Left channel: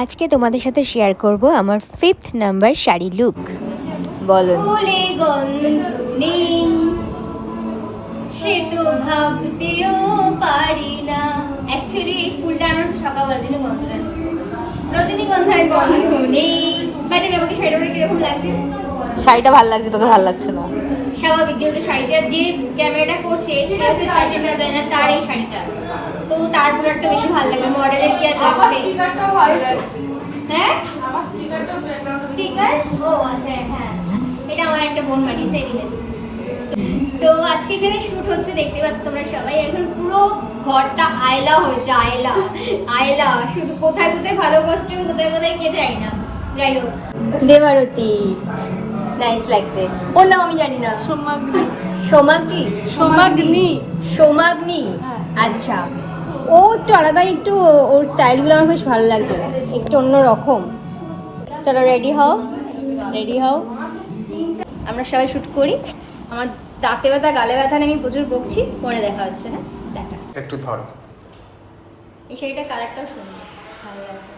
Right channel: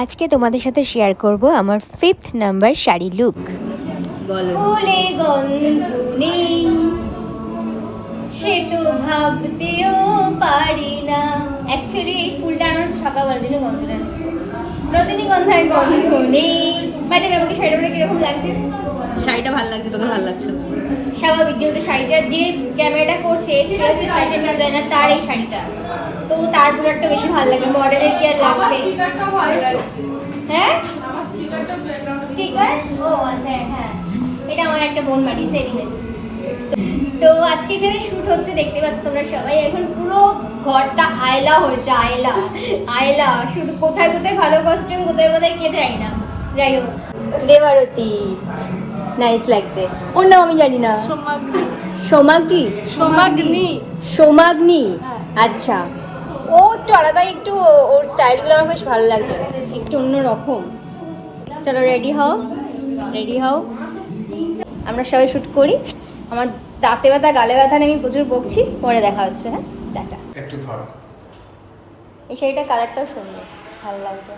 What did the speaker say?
আজকে তোমাদের সাথে শেয়ার করব আমার 5th নাম্বার শাড়ি লুক। বলো। ফুলে গন্ধনি সে তো ভাবতেও পারি না। অ্যাকচুয়ালি এই ফুলটা আমার সকালবেলার জন্য গন্ধনা, রজনীগন্ধার গন্ধ নেই। মানে আমাকে শাড়িটা কিরকম লাগছে? শাড়িটা ভালো লাগছে, তোকে ভালো লাগছে না? স্বাভাবিক, যেহেতু শাড়িটা যে ক্যামেরাটা করছে সে হচ্ছে ফ্যাশন ডিজাইনার, তার এই শাড়িটা তো তার প্রোডাক্টটা বেশি ভালো লাগে। মডেলের কি আর লাগবে? স্টিকারটাও ভালো লাগে। হ্যাঁ, আমার স্টিকারটাও স্টিকার। ও আচ্ছা, হ্যাঁ, এটা আমার একটা বোন বানিয়েছে। তো আজকে এখানে শুট হচ্ছে, দেখতে পাচ্ছ তোমরা সবাই। এখন পুরো ঘরটা আয়লা হয়েছে, আয়লা আয়লা। শুধু কোথায় কোথায় ভালো কস্টিউম, কোথায় কোথায় কে যায় না। যাই হোক, দেবারতী নাইস লাগছে। ওর নাম আমি জানি না। সোমাগ্নি, সোমাগ্নি। আচ্ছা, ও একটু আলাদা, একটু ওর স্টাইলগুলো আমার বেশ ভালো লাগছে। একটু অন্য রকম। চলো রেডি হও, রেডি হও। আমরা সবাই শুট করি। আমার দাঁতে ব্যথা, গালে ব্যথা নিয়ে আমি প্রচুর বকছি। পরে দেখা হচ্ছে। হ্যাঁ, টাটা। একটু ধর। এই শাড়িটার কালারটাও সুন্দর, ভালো লাগছে।